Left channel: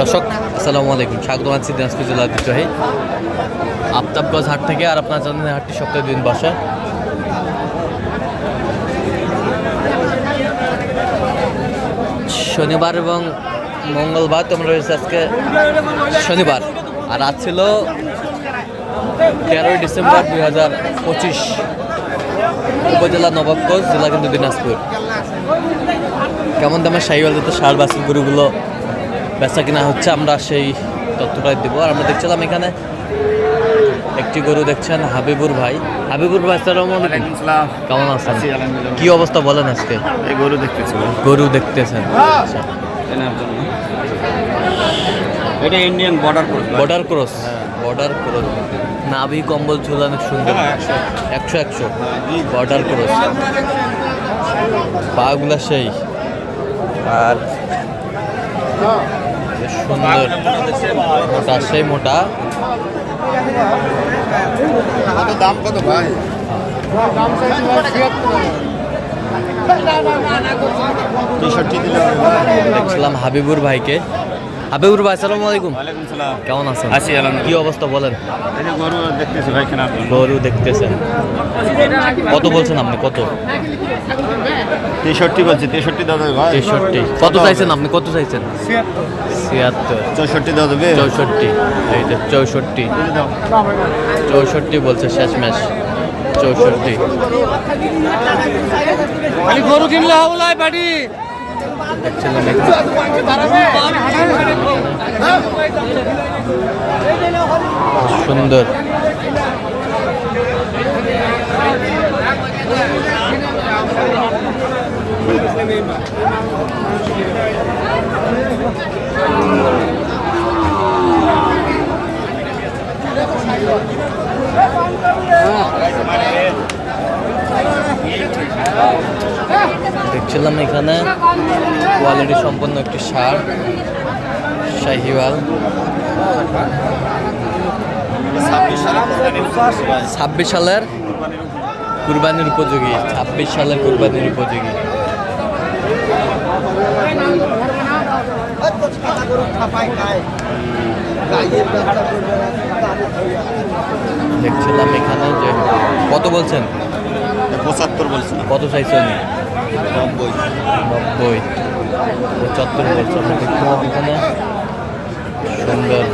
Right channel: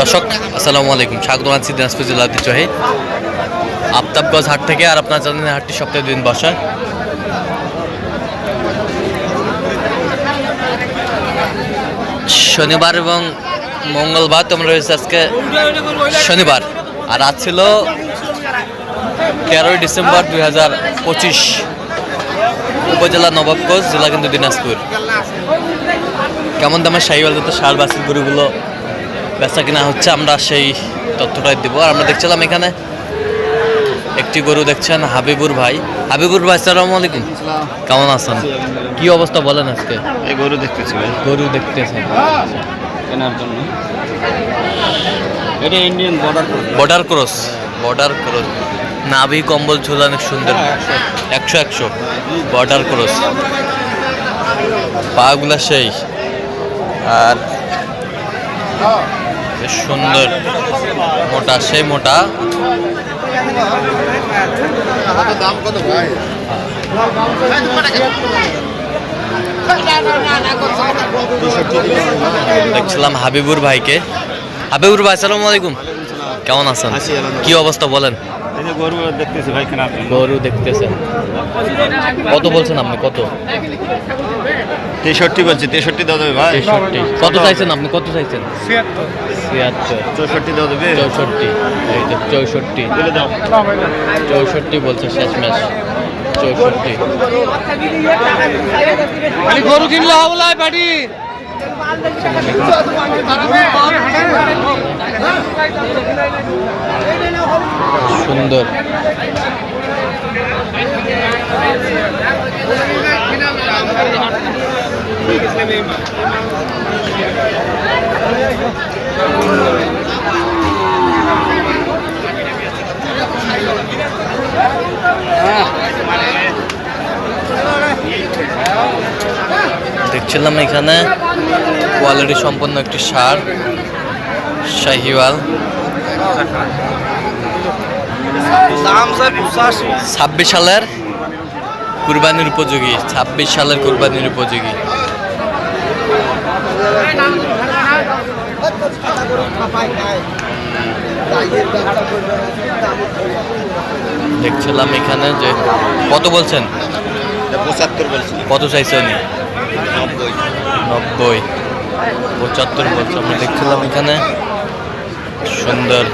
দর্শক, আসসালামু আলাইকুম। স্বাগত আছি দিনাজপুর জেলা ঐতিহ্যবাহী আফতাবগঞ্জ হাট থেকে আর আপনার জানেন হাটটি সপ্তাহে দিন বসে। শনিবার এবং মঙ্গলবার তোমরা রয়েছে আজকে শনিবার। আর আজ ছিল তেরোই ডিসেম্বর দুই হাজার পঁচিশ উপজেলা নবাবগঞ্জ, জেলা কিন্তু দিনাজপুর। কেমন দামের সাইওয়াল তো সার বাসির গরুগুলো বেচা কিনা হচ্ছে আমরা সেই তথ্যটাই দেবো। আর আমরা দেখছিলাম এখানে একটি গরু দেখছেন হাবিবুর ভাই। হাবিবুর ভাই সালাম আলাইকুম। কেমন আছেন? কি অবস্থা বলেন আজকে? এই গরু দেখতেছি ভাই। গরু দেখতেছেন। এটা ইন্ডিয়ান বর্ডার করবে বর্ডার ক্রস বর্ডার ক্রস নাভি কম্বল ঝোল অনেক সুন্দর। একশো একশো। বর্ডার ক্রস পাগুলা সেই। আর বেশ সুন্দর মোটা সেই মোটা। দাম কত ভাই দেখছিলাম হাবিবুর ভাইকে। হাবিবুর ভাই সালাম আলাইকুম। কেমন আছেন? আছি, কি অবস্থা বলেন? এই যে গরু দেখতেছি ভাই কেনার গরু দেখতেছেন। কত বলছেন আপনি? কত? তেষট্টি বলছি তেষট্টি দাও দেবে ভাই। তেষট্টি। কত চাইছেন আপনি? কত চাইছেন? ছিয়াত্তর। চৌষট্টি দাও দেবে চৌষট্টি। এই যে চৌষট্টি। বলে দাও। চৌষট্টি বলছে শেষ ম্যাচ চৌষট্টি গরু কিনলে হবে বাড়ি। দেখছিলাম সুন্দর। দেখছিলাম এখানে। কোয়ালিটি সম্পন্ন একটি সার শাহিওয়াল। ছাব্বিশ সালের কুরবানির উপযোগী ছাব্বিশ সালের কুরবানির উপযোগী। দেখছিলাম এখানে যে কত বলছেন? পঁচাত্তর বলছি। কত চাইছে উনি? নব্বই। নব্বই। পঁচাত্তর বছর আমরা দেখছিলাম এখানে। সুন্দর।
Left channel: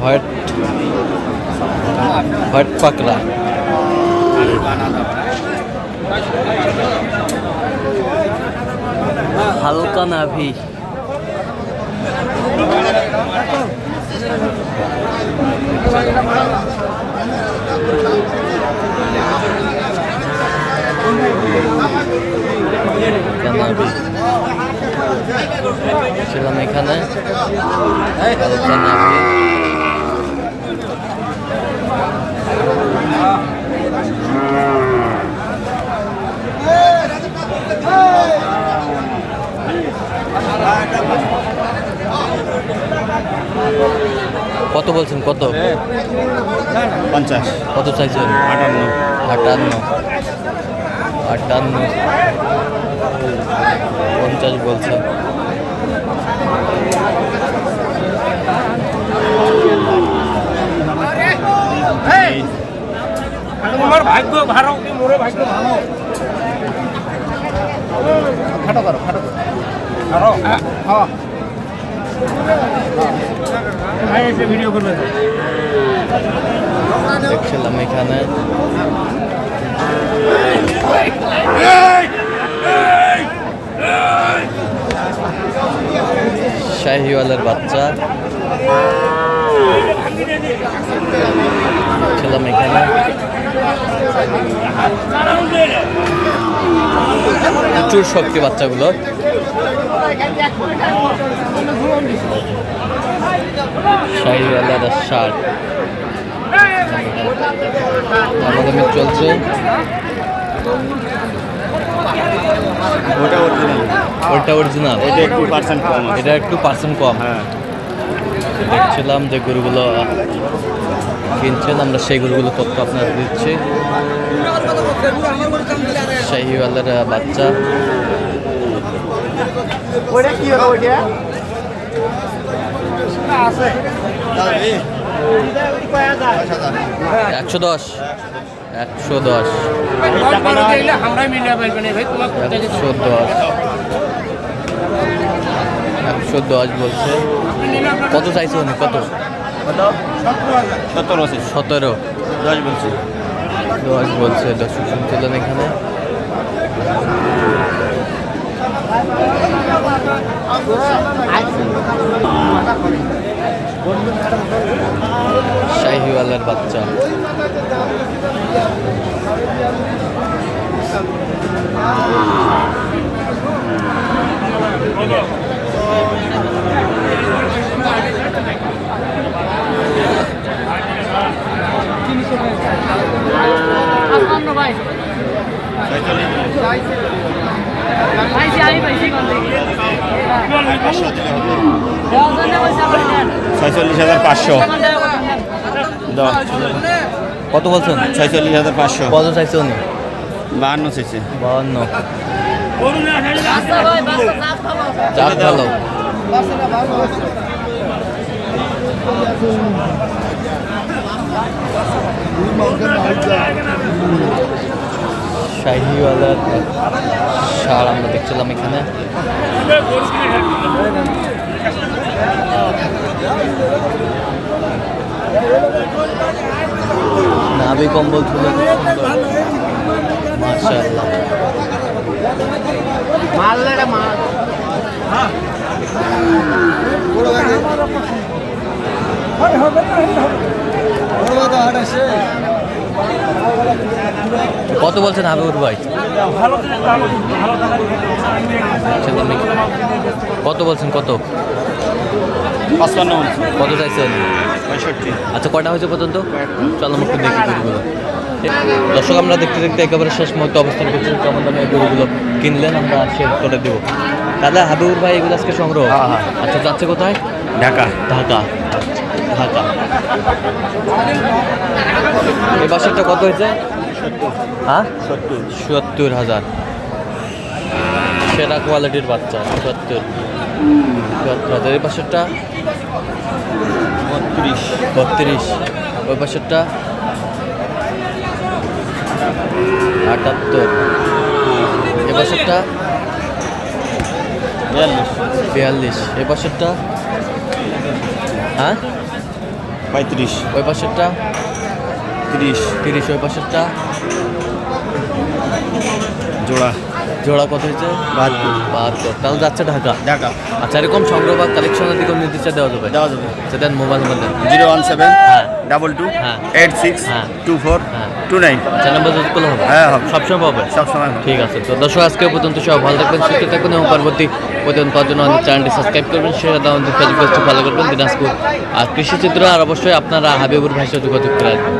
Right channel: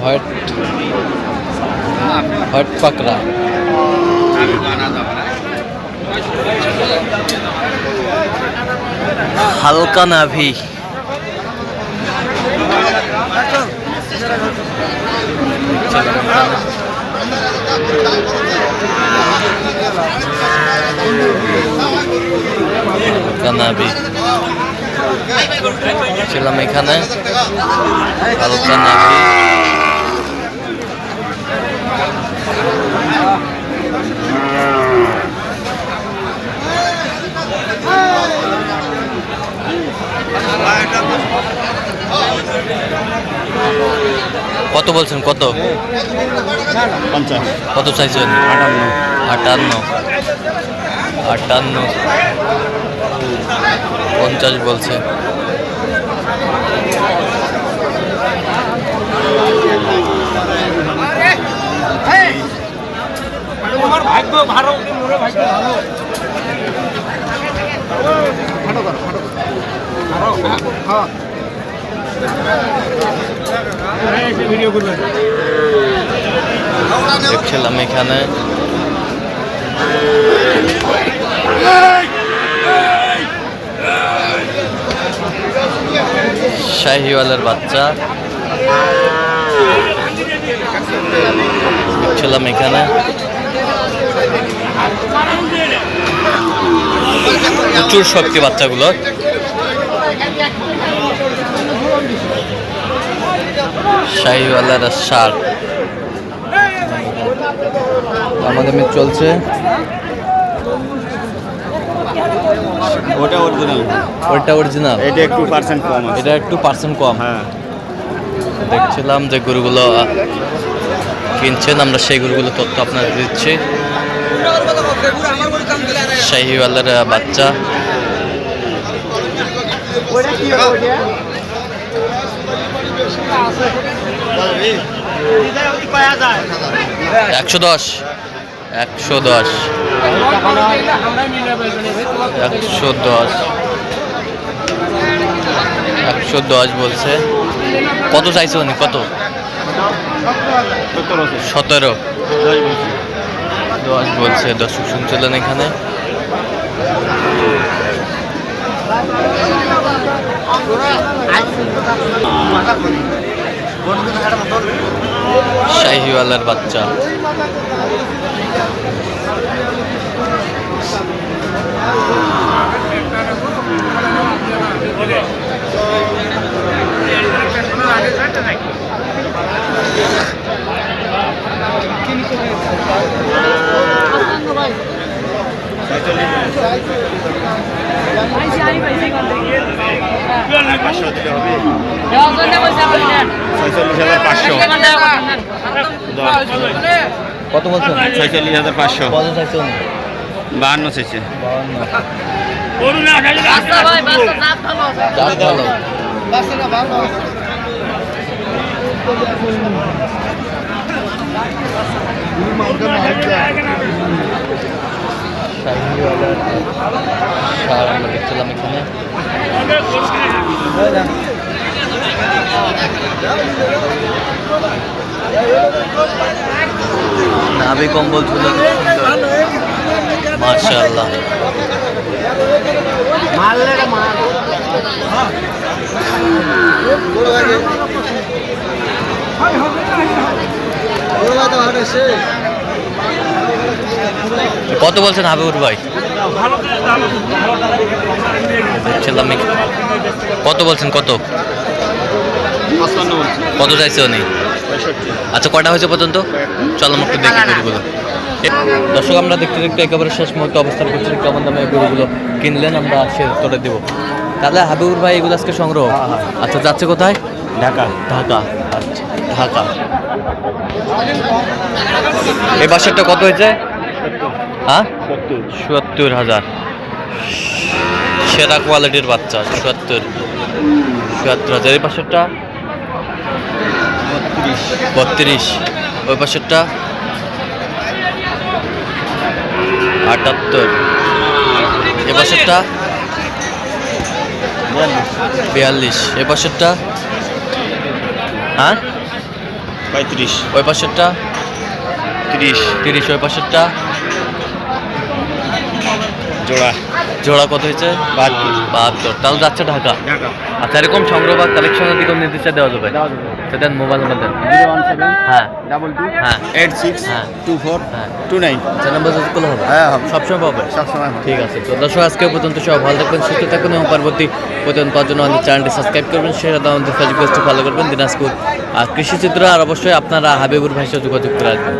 হোয়াইট হোয়াইট পাকড়া। হালকা নাভি। কানাবি ছিলাম এখানে। হালকা নাভি কত বলছেন? কত? কত চাইছেন? আটান্ন। আটান্ন। আটান্ন। পঞ্চাশ বলছে। তোমার ভাগ্য ভালো কি মোরে ভাগ্য ভালো। আরও হ্যাঁ হ্যাঁ। ভিডিও দেখছিলাম এখানে। শাহিওয়ালের বাচ্চা। দেখছিলাম এখানে। প্রচুর শক্তি বাচ্চাগুলোর শাহিওয়ালার শার্ট। আমাদের চলছে। ওটা অরিজিনাল ওইটা অরিজিনাল এটা একটু পার্সেন্ট কম। এটা একটু পার্সেন্ট কম। হ্যাঁ। দেখছিলাম যে গরুগুলো কিনছেন আমরা সেই গরুগুলো তথ্য আপনাদের দিচ্ছি। শাহিওয়ালের বাচ্চা। একশো দশ। একশো দশ। একশো দশ। একশো দশ বলছে। কত চাইছে উনি? কত? সতেরো। দশ বলছে দর্শক শুনছিলেন এখানে। শাহিওয়ালার বাচ্চা। ছয়চল্লিশ হাজার পাঁচশো। কত বলছেন? ছয়চল্লিশ হাজার পাঁচশো। কত চাইছে বাহান্ন বাউন্ন চাপ ভালো শাহিওয়ালার সার আমরা দেখছিলাম এখানে। নাভি কম্বল ছিল। মাশাআল্লাহ। কত বলছেন হাবিবুর ভাই? দেখছিলাম কত বলছেন কত? কত চাইছে উনি? আচ্ছা কটা হয়েছে পর্যন্ত? চলো আমরা একটু দেখি গরুগুলো। দর্শক আমরা দেখতে দেখতে একেবারে শেষ মুহূর্তে অবস্থান করছি। কেমন দামে এই গরুগুলো কিনলেন? আমরা সে তোরে দেবো। তাহলে হাবিবুর ভাই এগুলো আজকে সংগ্রহ? হ্যাঁ, হ্যাঁ। আচ্ছা যাচ্ছে কোথায়? ঢাকা। ঢাকা। আচ্ছা ঢাকা। এই বাসারটা কত হয়েছে? হ্যাঁ? সত্তর। হাজার। সেরা কোয়ালিটির বাচ্চা চুয়াত্তর চুয়াত্তর হাজার। এই পাশেরটা বত্রিশ। বত্রিশ। ওই পাশেরটা আটাত্তর। এ পাশেরটা বিয়াল্লিশ। এবছরটা? হ্যাঁ? পঁয়ত্রিশ। ওই পাশেরটা? তিরিশ। তিরিশ। ওই পাশেরটা? জোড়া। জোড়া কত হয়েছে? বাহাত্তর। বাহাত্তর। তাহলে যাচ্ছে ঢাকা। ঢাকা। আচ্ছা এরকম সংগ্রহ বা কালেকশনের দিকেও নির্দেশে দেওয়া যাবে? দেওয়া যাবে। সেটা মোবাইল মধ্যে জিরো ওয়ান সেভেন হ্যাঁ। ডাবল টু হ্যাঁ। এইট সিক্স হ্যাঁ। টু ফোর হ্যাঁ। Two nine. আচ্ছা নাম্বার যতগুলো হবে? হ্যাঁ, হবে। সবসময় পাবে? সবসময় ঠিক আছে। তো দর্শক আজকে পর্যন্ত সব ভালো থাকবেন সুস্থ থাকবেন এবং পরবর্তী পর্যন্ত পাওয়ার জন্য আমাদের চ্যানেলটি সাবস্ক্রাইব করবেন সেটা আমাদের ফেসবুক পেজটি ফলো করবেন দিনাজপুর আর কৃষিচিত্র। আর অবশ্যই আপনারা হাবিবুর ভাইয়ের যোগাযোগ করে আসবেন।